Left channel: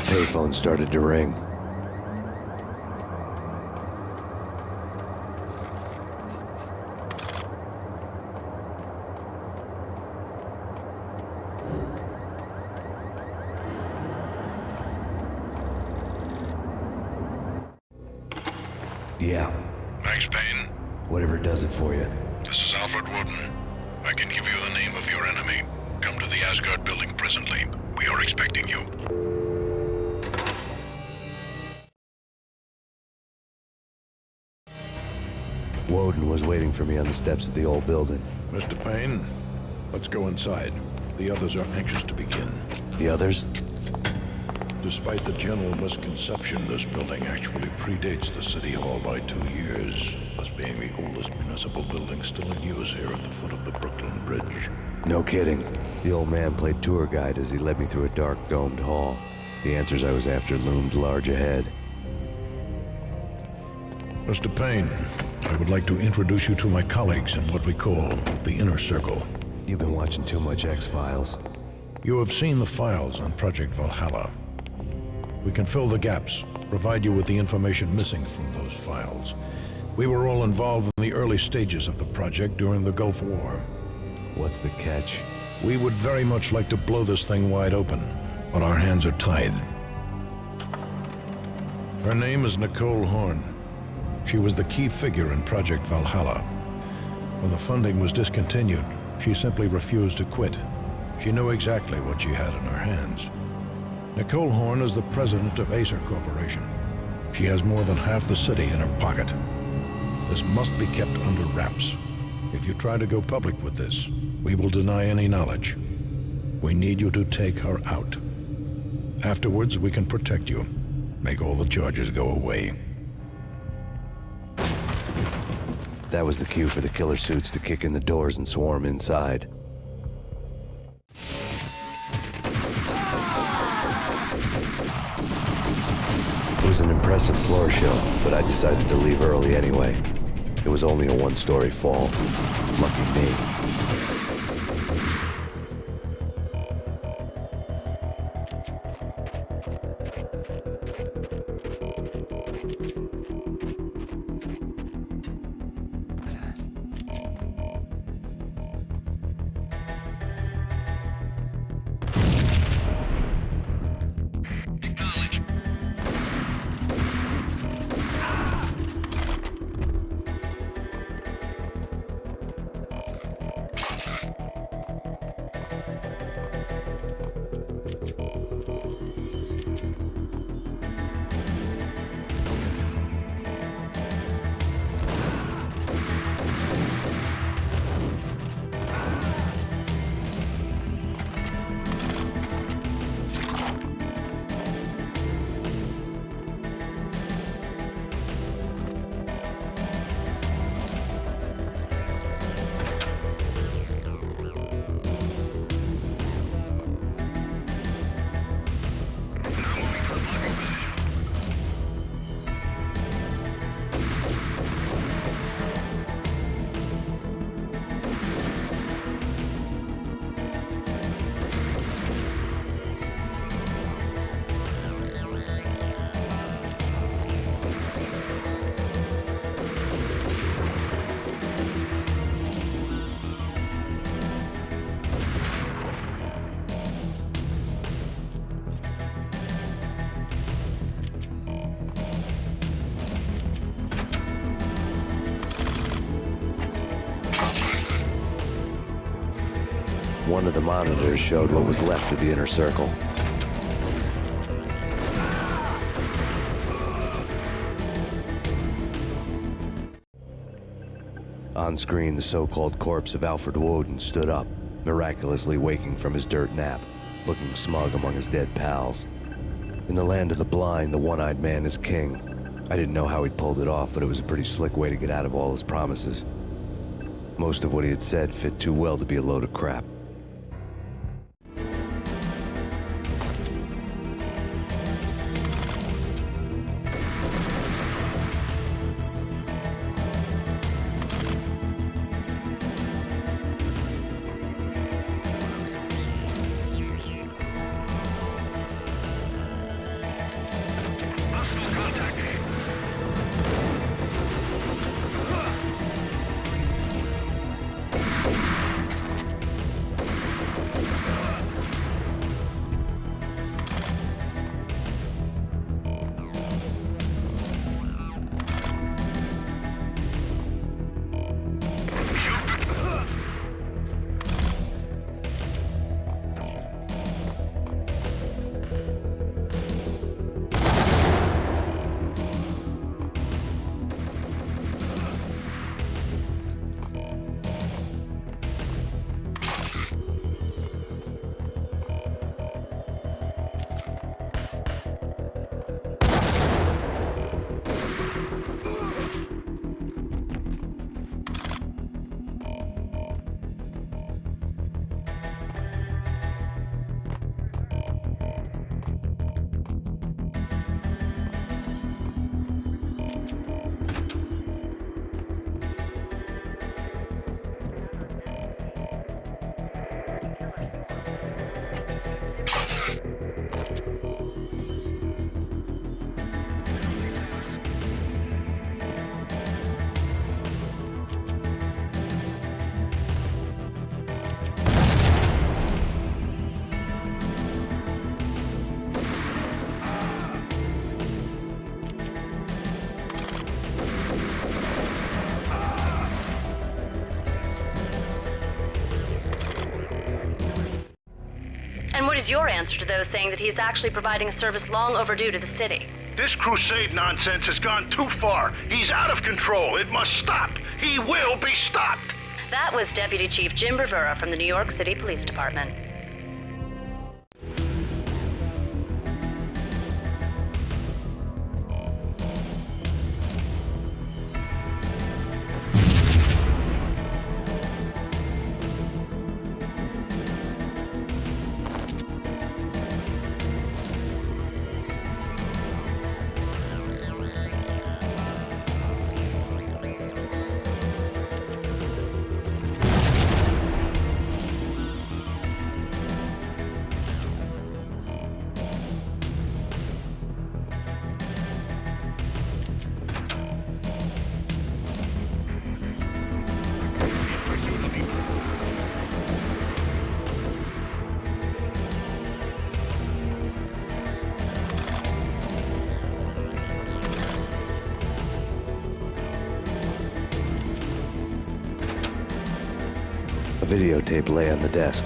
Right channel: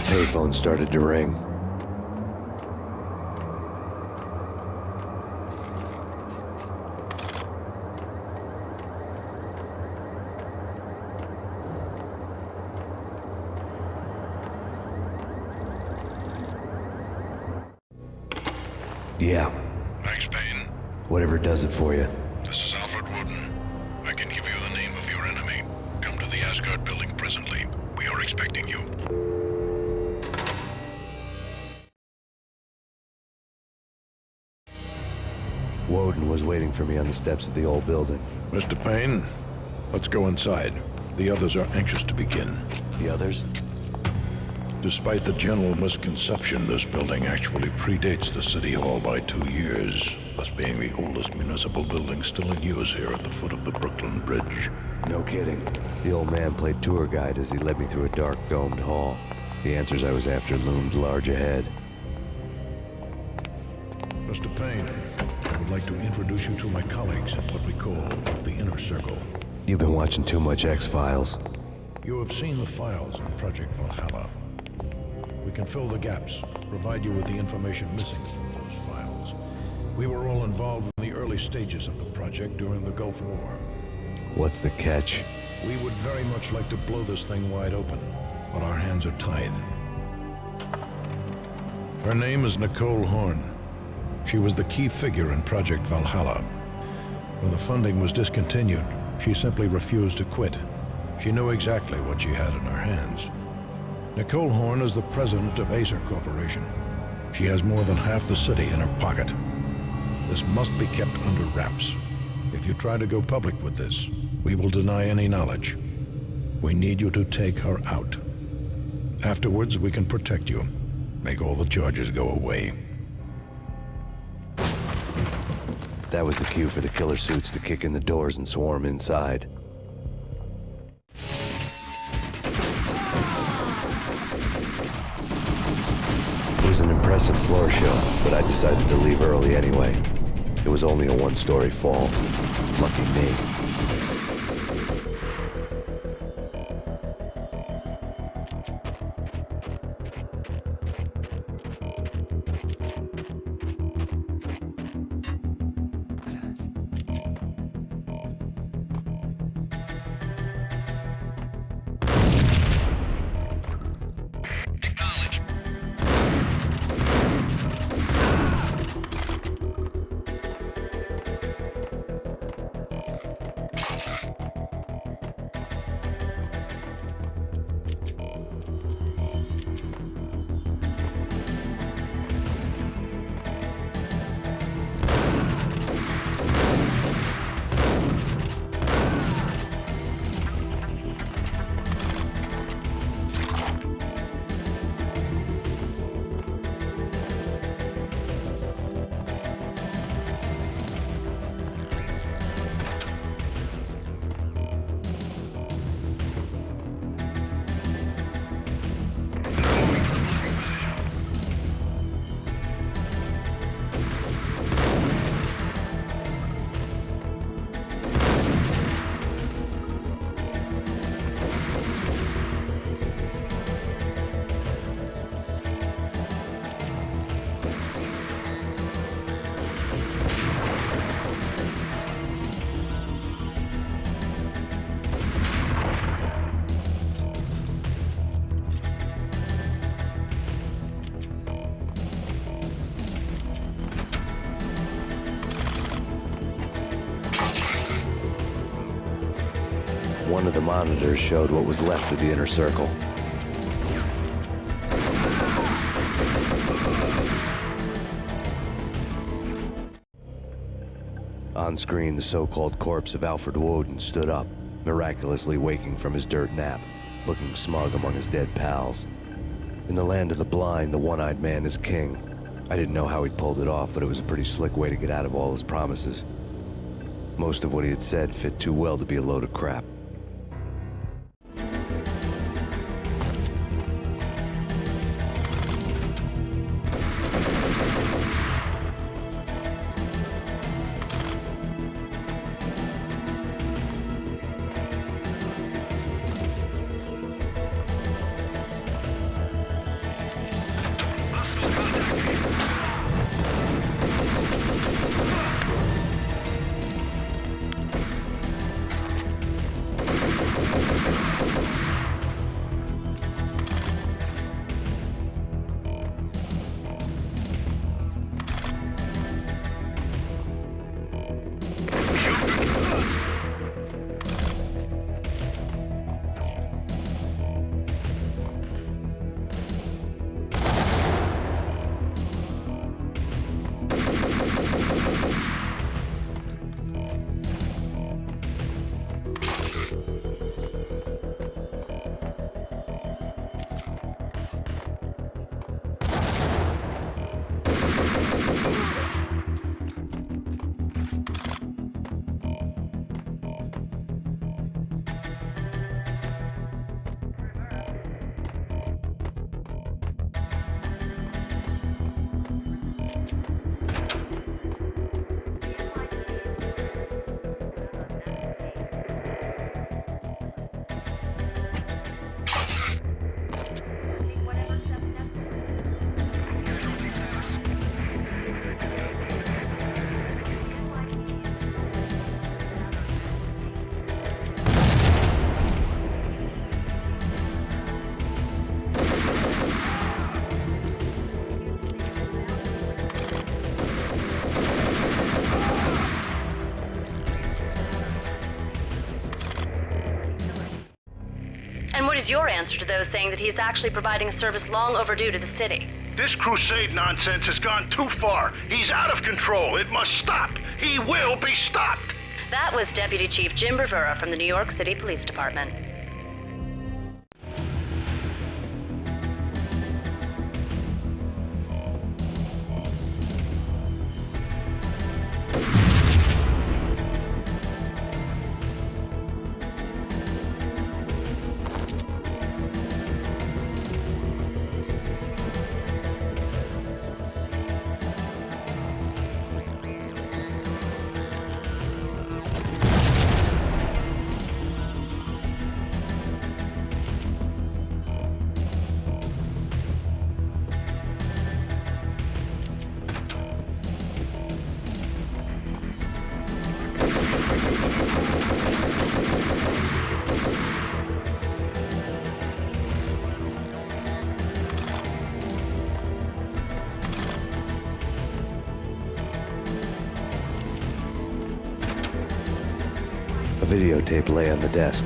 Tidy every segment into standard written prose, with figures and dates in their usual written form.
The payphone started to ring. Yeah. Max Payne? Whatever does it for you. This is Alfred Wooden. I can give you the name of your enemy. Come to the Asgard building presently. We are expecting you. Woden was waiting for me on the steps of the old building. Mr. Payne, let's go inside. The others are anxious to begin. The others? Despite the general misconception, this building actually predates the City Hall by 2 years, thus being the oldest municipal building still in use here at the foot of the Brooklyn Bridge. No kidding. The old man played tour guide as he led me through a dark, domed hall. The answers I was after loomed large ahead. Mr. Payne, I would like to introduce you to my colleagues in what we call the Inner Circle. You've been watching too much X-Files. You have seen the files on Project Valhalla. We can fill the gaps, provide you with the information missing from those files. We were all involved in the early stages of the project during the Gulf War. What's the catch? We would very much like to blow this thing wide open, but our hands are tied. Her name is Nicole Horn. She was the key figure in Project Valhalla. When the funding was discontinued, she simply refused to quit. She knew exactly what she had in her hands. Nicole Horn is the president of Acer Corporation. She has more than half the city in her pocket. This must be kept under wraps. If you try to go public with this, we will deny any knowledge. We need you to take her out. Afterwards, we can protect you. Make all the charges go away. That was the cue for the killer suits to kick in the doors and swarm inside. It was an impressive floor show, but I decided to leave early anyway. It was only a one-story fall. Lucky me. One of the monitors showed what was left of the inner circle. On screen, the so-called corpse of Alfred Woden stood up, miraculously waking from his dirt nap, looking smug among his dead pals. In the land of the blind, the one-eyed man is king. I didn't know how he'd pulled it off, but it was a pretty slick way to get out of all his promises. Most of what he had said fit too well to be a load of crap. And what is your answer to those saying that he's actually providing a service long overdue to the city? This crusade nonsense has gone too far. He's out of control. It must stop. He will be stopped. That was Deputy Chief Jim Rivera from the New York City Police Department. A videotape lay on the desk.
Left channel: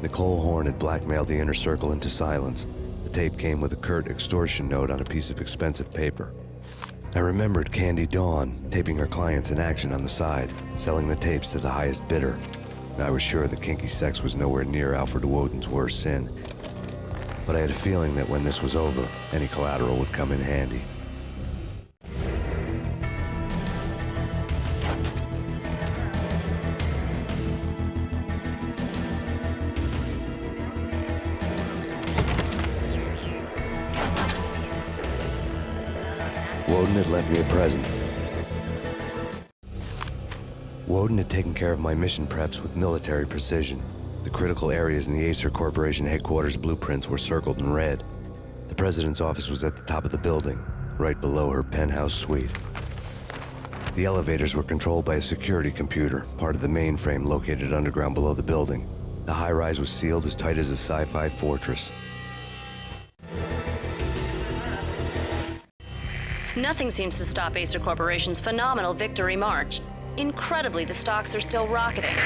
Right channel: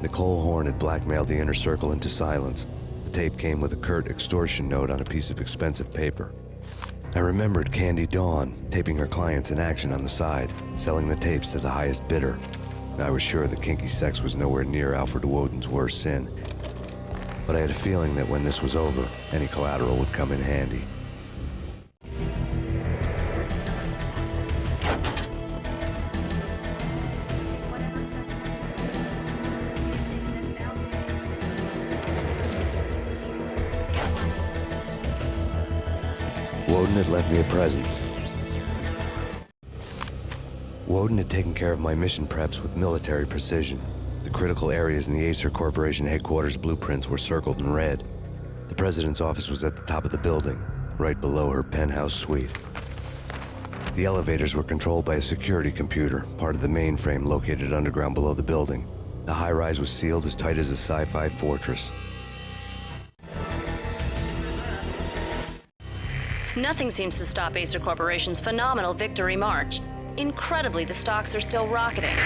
Nicole Horn had blackmailed the inner circle into silence. The tape came with a curt extortion note on a piece of expensive paper. I remembered Candy Dawn taping her clients in action on the side, selling the tapes to the highest bidder. I was sure that kinky sex was nowhere near Alfred Woden's worst sin. But I had a feeling that when this was over, any collateral would come in handy. Woden had left me a present. Woden had taken care of my mission preps with military precision. The critical areas in the Acer Corporation headquarters blueprints were circled in red. The president's office was at the top of the building, right below her penthouse suite. The elevators were controlled by a security computer, part of the mainframe located underground below the building. The high-rise was sealed as tight as a sci-fi fortress. Nothing seems to stop Acer Corporation's phenomenal victory march. Incredibly, the stocks are still rocketing.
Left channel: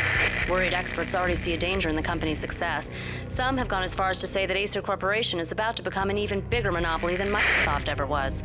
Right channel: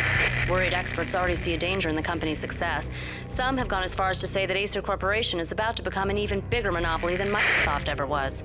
Worried experts already see a danger in the company's success. Some have gone as far as to say that Acer Corporation is about to become an even bigger monopoly than MacSoft ever was.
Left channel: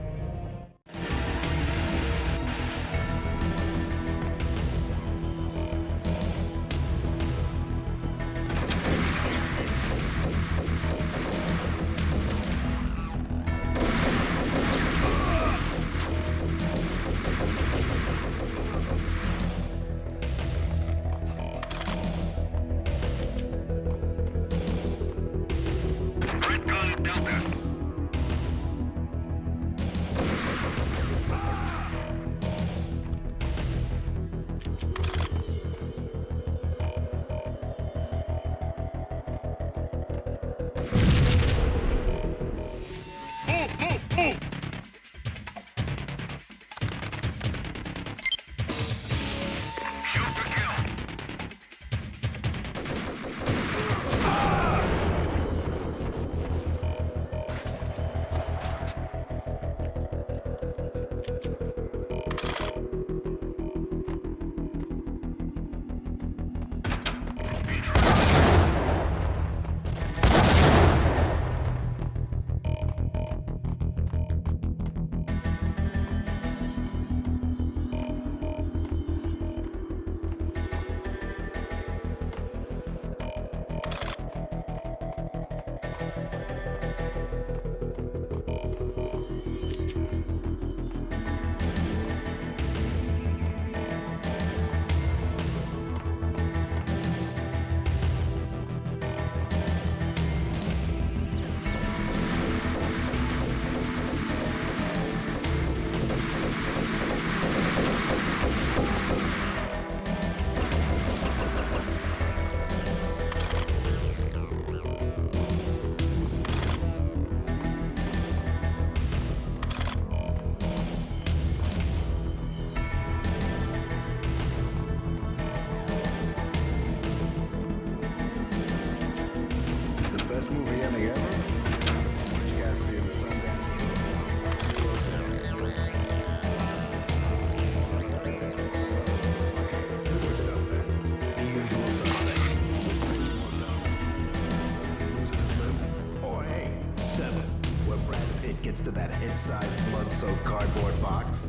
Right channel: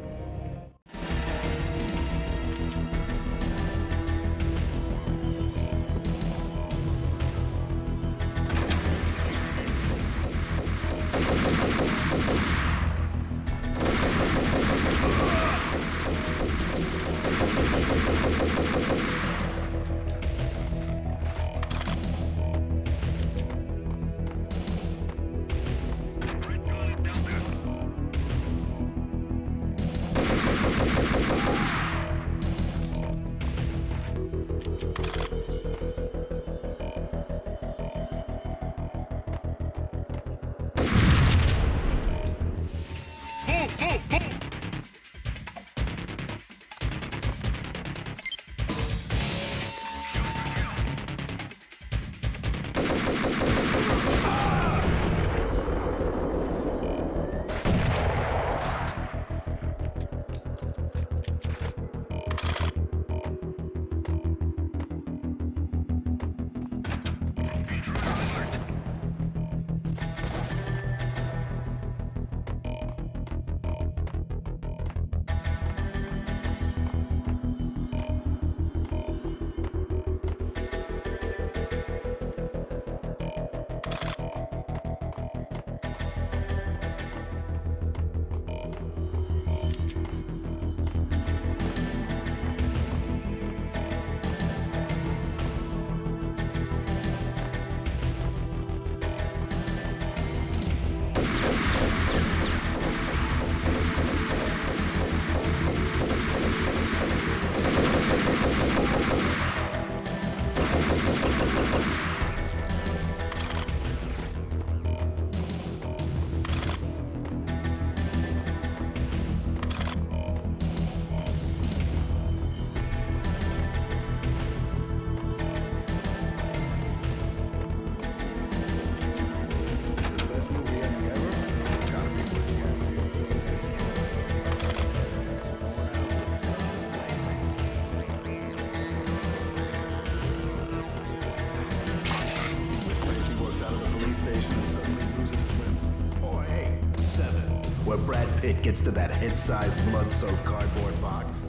before Brad Pitt gets to that head-sized, blood-soaked cardboard box?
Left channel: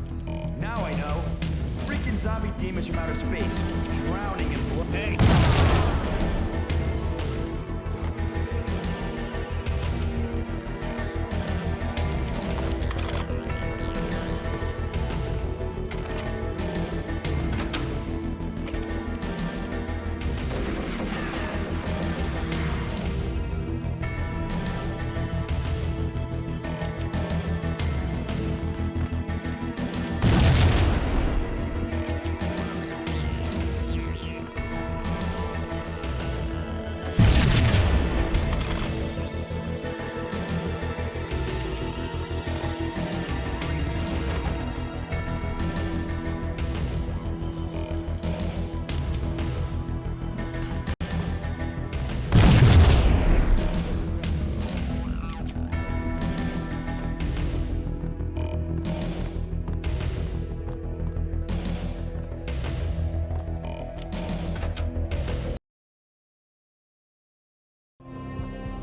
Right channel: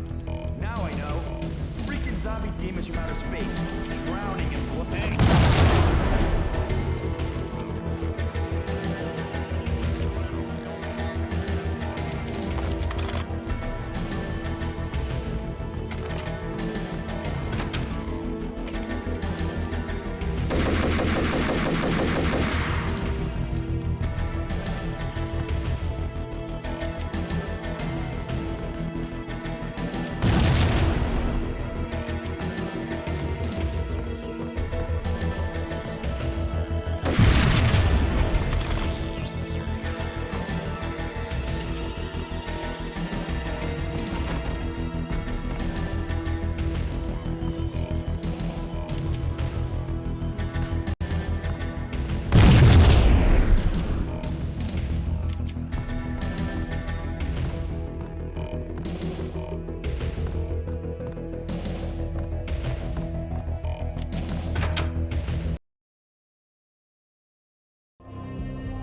Now I know. Freaking zombie demons from outer space, drowning in blood. Hey!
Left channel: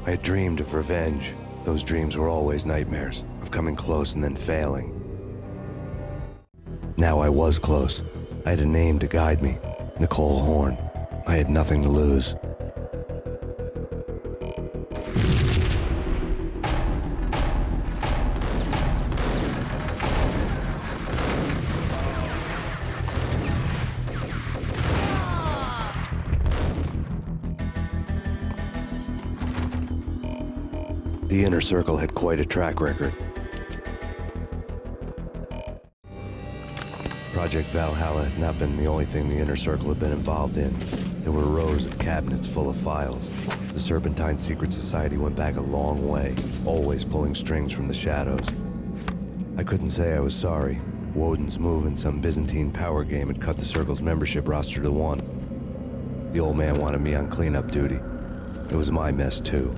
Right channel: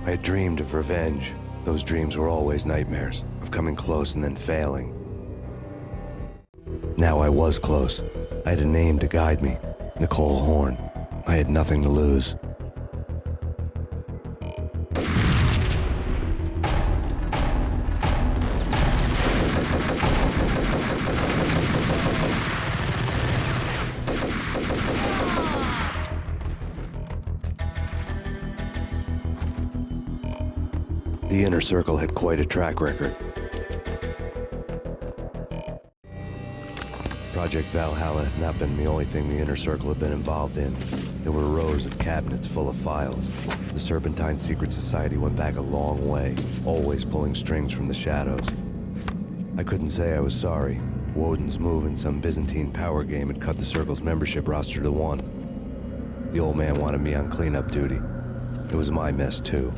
I had dreamed of revenge. Those dreams were always nightmares, of coming close and then failing. Now I was close. I had a name to guide me, Nicole Horn. I had nothing to lose. The Inner Circle had quite a track record. Project Valhalla had not been the only thing the Inner Circle had been involved in. There were rows of cabinets full of files. The Serpentine Secret Society went back a long way, always pulling strings from the shadows. I couldn't say I was sorry. Woden's move in some Byzantine power game had cut the Circle's membership roster to 1. The old man wanted me on cleanup duty. It was my mess too.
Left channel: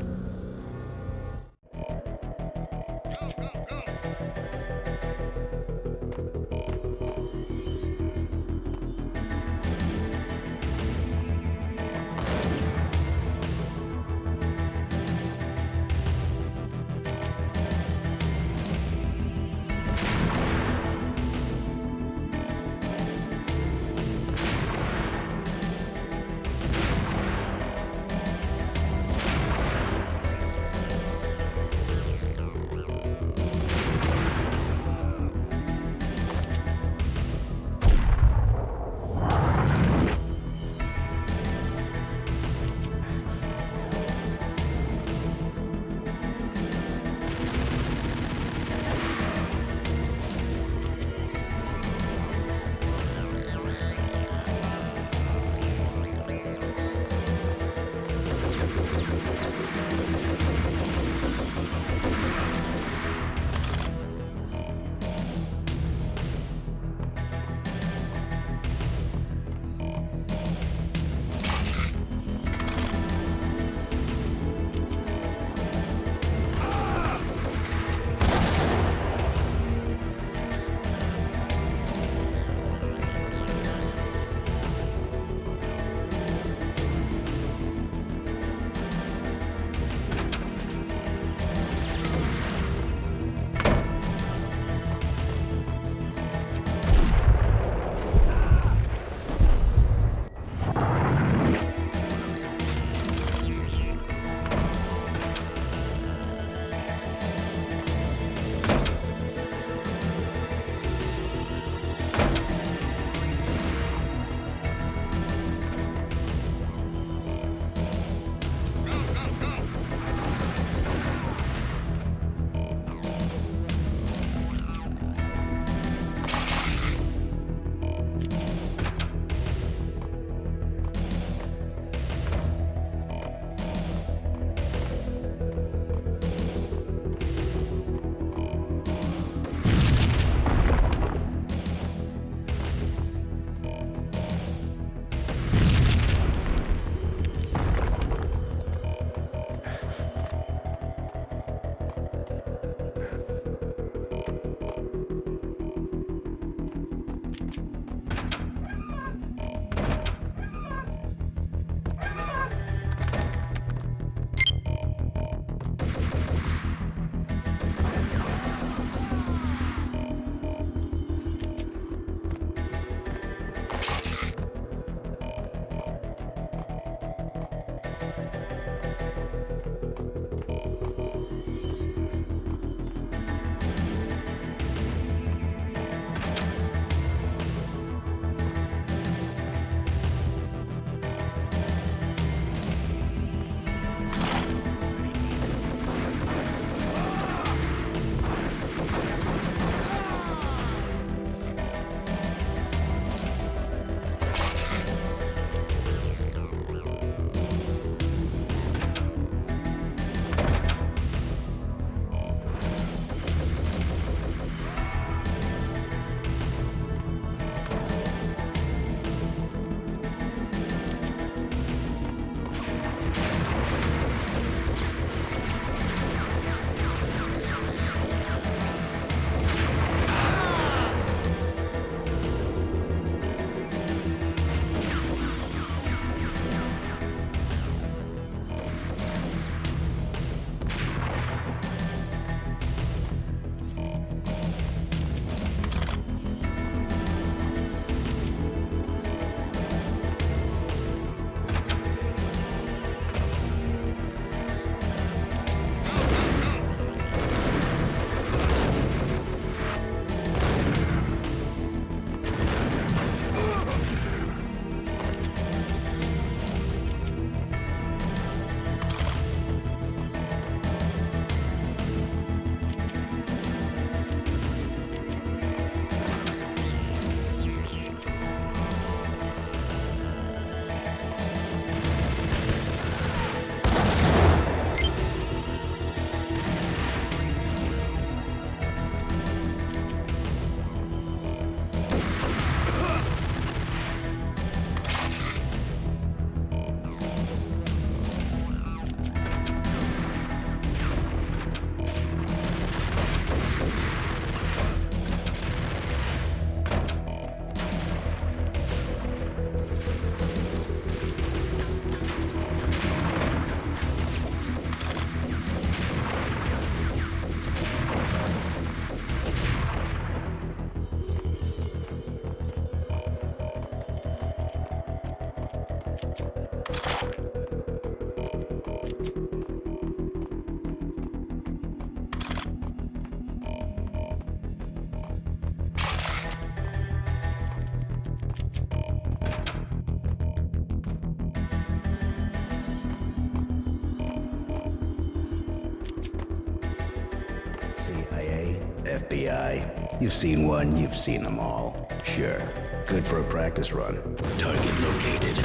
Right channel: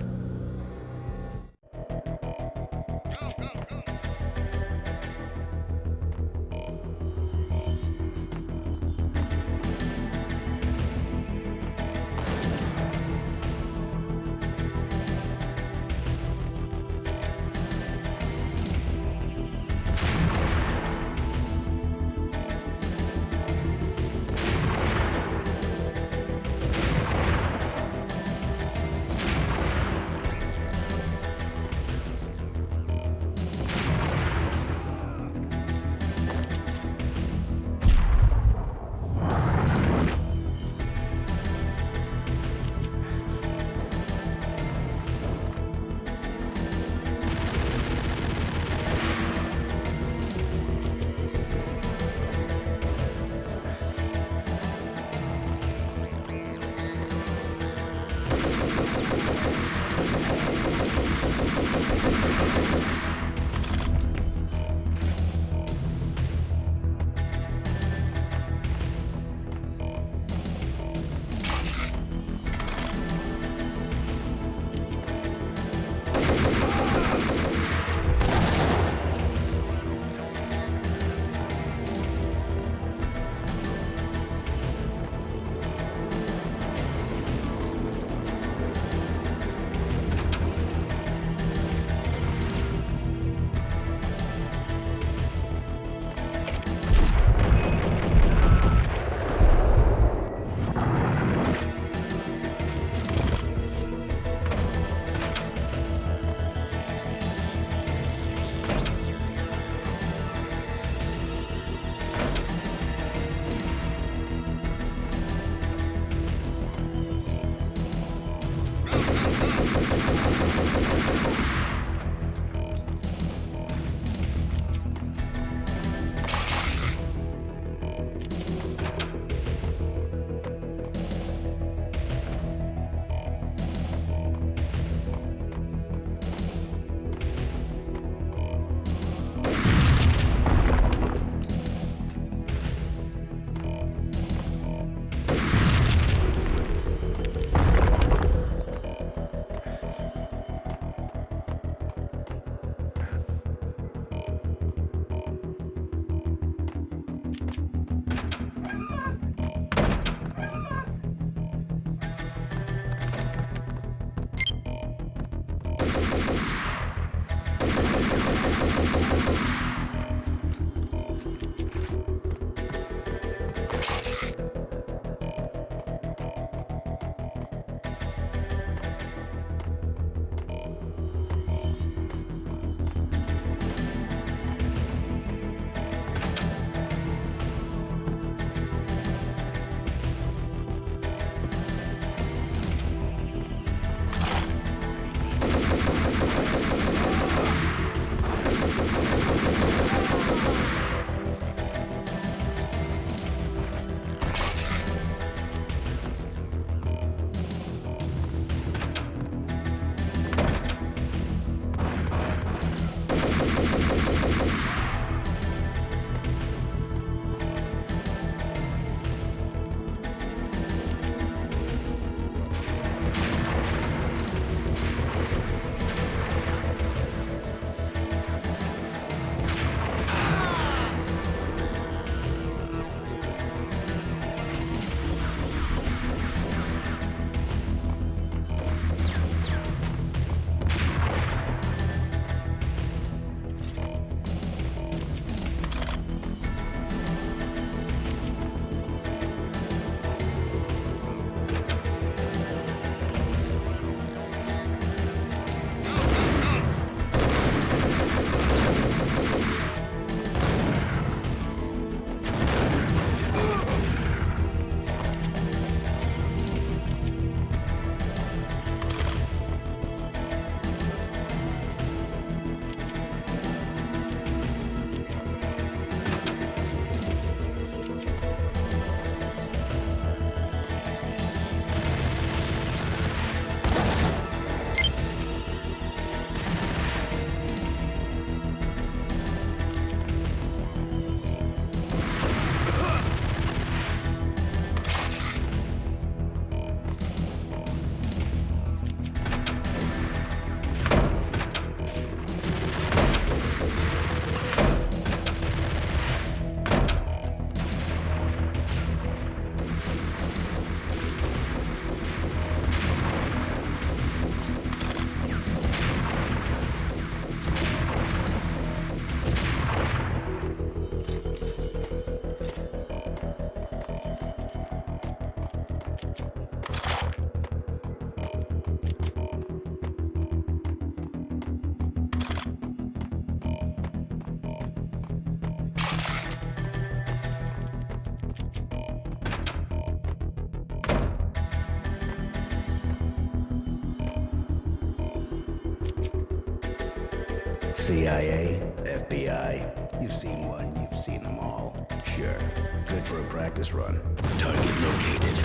CIA, FBI. You've seen one, you've seen them all. Sure. Good for a practice run. Target located.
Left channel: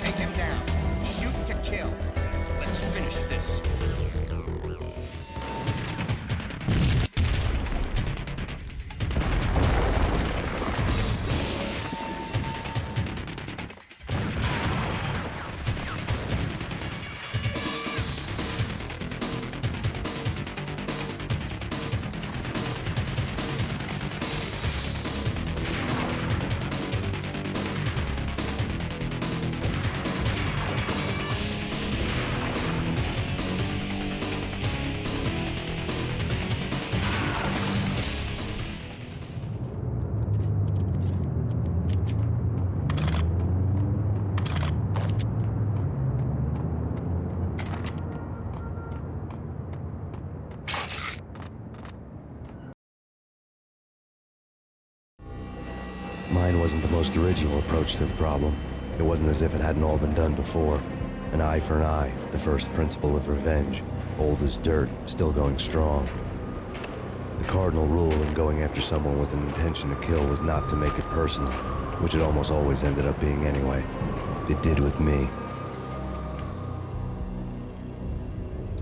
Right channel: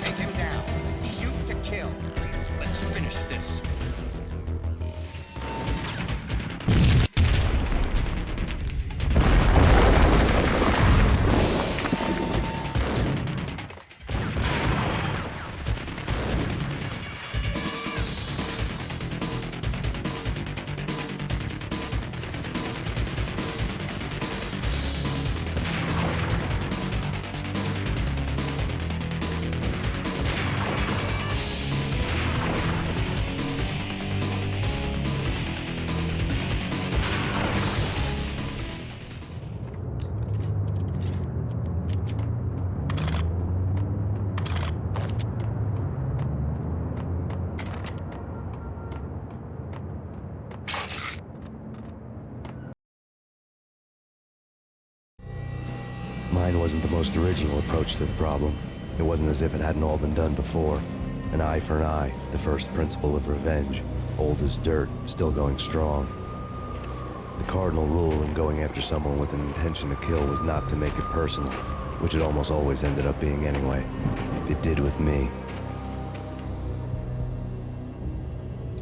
Take him down. Shoot to kill. Let's finish this. Mine wasn't the most original approach to the problem. It wasn't as if it hadn't all been done before. An eye for an eye, the first principle of revenge. Old as dirt, still going strong. The cardinal rule in going after someone with an intention to kill was not to make it personal, which it almost always ended up being anyway. It did with me.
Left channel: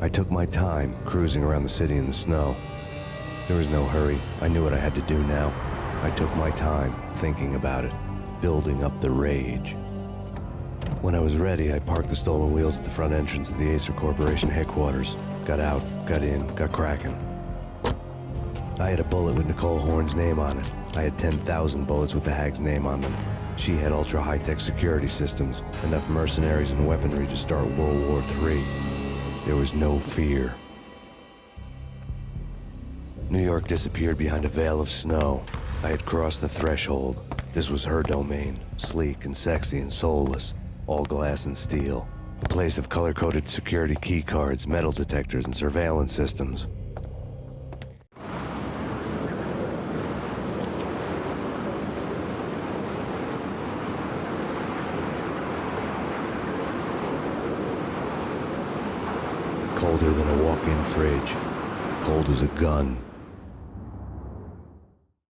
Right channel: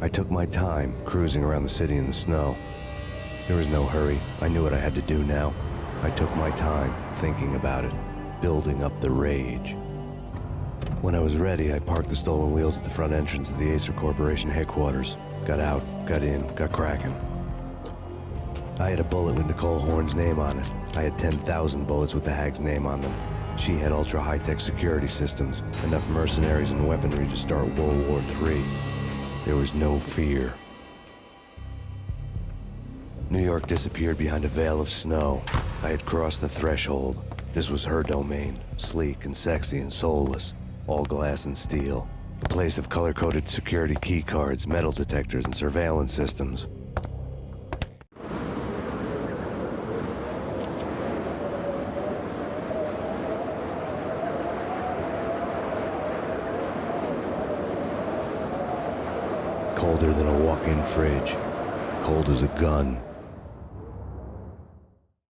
I took my time, cruising around the city in the snow. There was no hurry. I knew what I had to do now. I took my time, thinking about it, building up the rage. When I was ready, I parked the stolen wheels at the front entrance of the Acer Corporation headquarters. Got out, got in, got cracking. I had a bullet with Nicole Horn's name on it. I had 10,000 bullets with the hag's name on them. She had ultra-high-tech security systems, enough mercenaries and weaponry to start World War III. There was no fear. New York disappeared behind a veil of snow. I had crossed the threshold. This was her domain, sleek and sexy and soulless, all glass and steel. A place of color-coded security key cards, metal detectors, and surveillance systems. Colder than a walk-in fridge. Cold as a gun.